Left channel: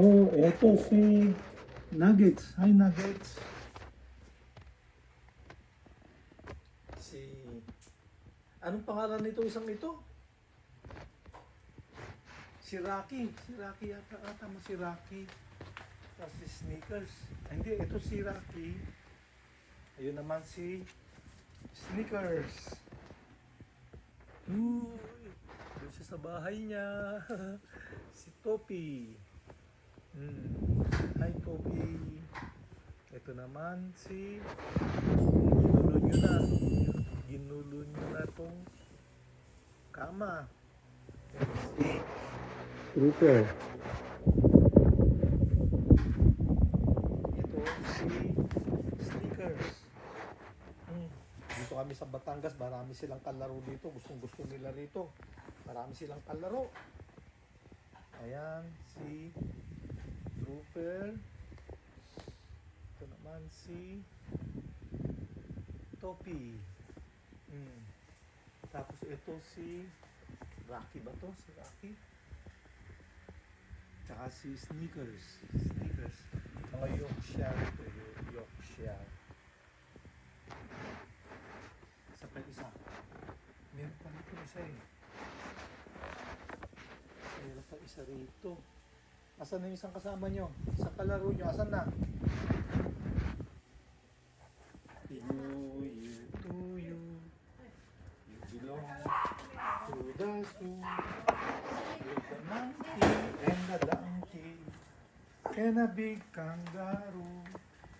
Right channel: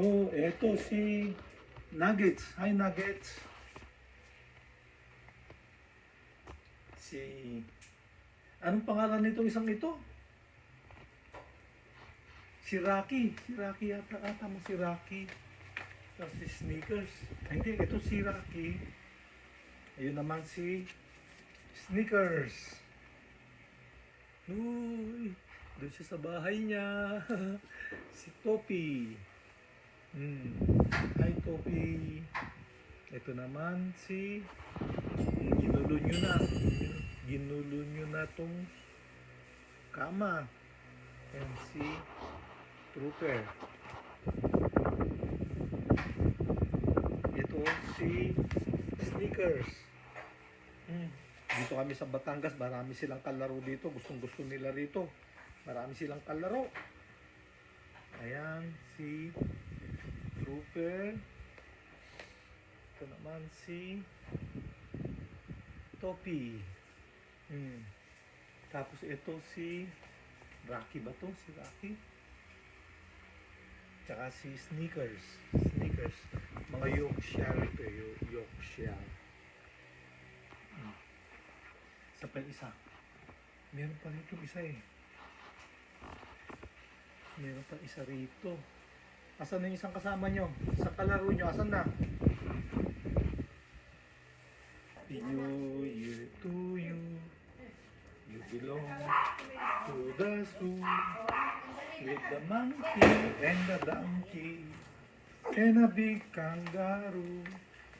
Oh, eto si Nuggets. Hi, Nuggets. Si... Anong pangalan nito isang ito? Si Rocky. Si Rocky yata. Tama si Rocky. Tapos si Sneakers. Hindi, ito si Rocky. Ayun naman si Sneakers. Uy, doon siya sa bahay niya. Si Topi. Hi, Topi. Ito naman si... Ginulo nyo na. Ginulo nyo na tong kama. Yan si Trooper. Ito si Sneakers. Dito kami sa Batangas, marami silang kalaro dito. Gustong gusto nila rito. Marami silang kalaro. Ayan, si Trooper. Ito naman si Topi. Tapos ito si Rocky ba to? Si Rocky. Tsaka si Sneakers. Sneakers. Mga Yorkshire ito. Yorkshire. Isa pa isa. Meron pa rito isa eh. Meron pa isa rito. Asan na yung isang kasama nyo? Sa kalaro nyo, asan na? Happy New Year to you. You belong to the zoo. With the monkey and the donkey. And a big kangaroo.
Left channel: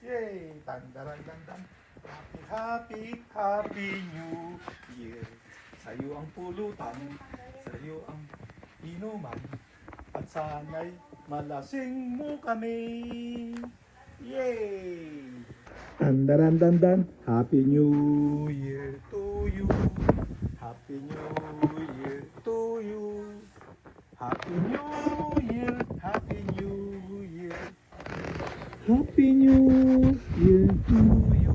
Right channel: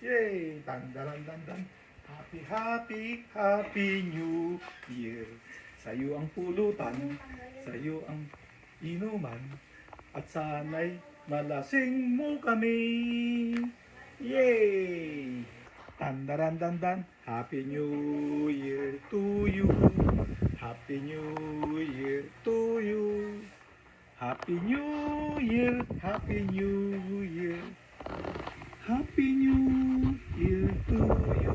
Yay! Tandaran-dandan. Happy, happy, happy New Year. Sa'yo ang pulutan, sa'yo ang inuman, at sana'y malasing mo kami. Yay! Tandaran-dandan. Happy New Year to you. Happy New Year to you. Happy New Year. Happy New Year. Happy New Year to you.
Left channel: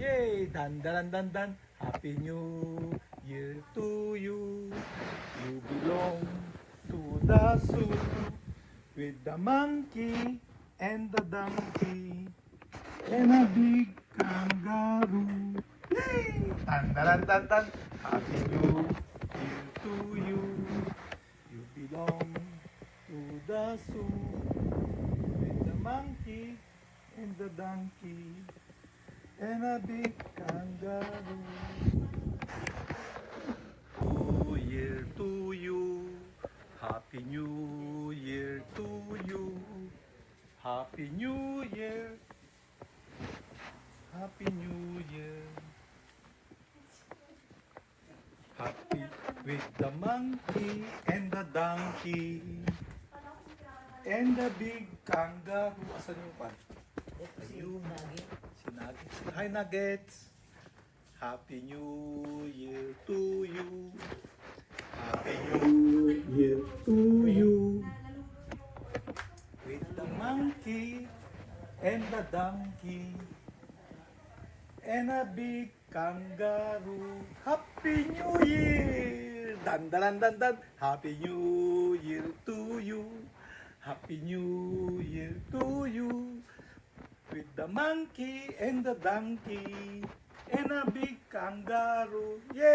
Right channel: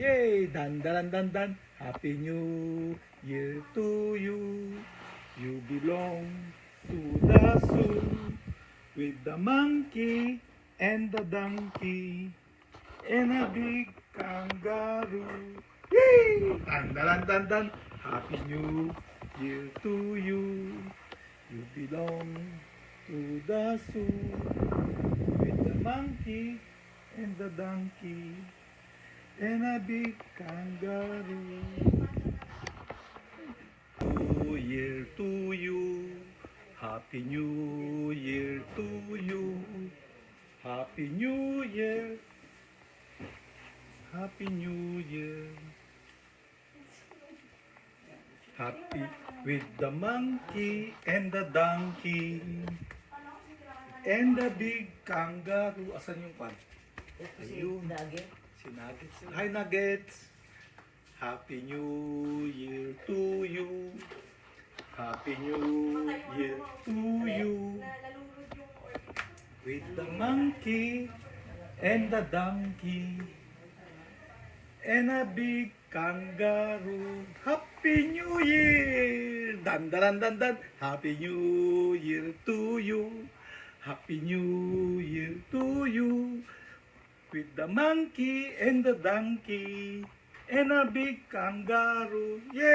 Yay! Dandaran-dandan. Happy New Year to you. You belong to the zoo with the monkey and the donkey and a big kangaroo. Yay! Dandaran-dandan. Happy New Year to you. You belong to the zoo with the monkey and the donkey and a big kangaroo. New Year to you. Happy New Year to you. Happy New Year. Happy New Year. Happy with the monkey and the donkey and the big kangaroo. Asan yung pan? Ayun. Si Nuggets. Hi, Nuggets. Happy New Year to you. Happy New Year to you. With the monkey and the donkey and a big kangaroo. Happy New Year! Dandaran-dandan. Happy New Year to you. Happy New Year to you. With the monkey and the donkey and a big kangaroo. Yay!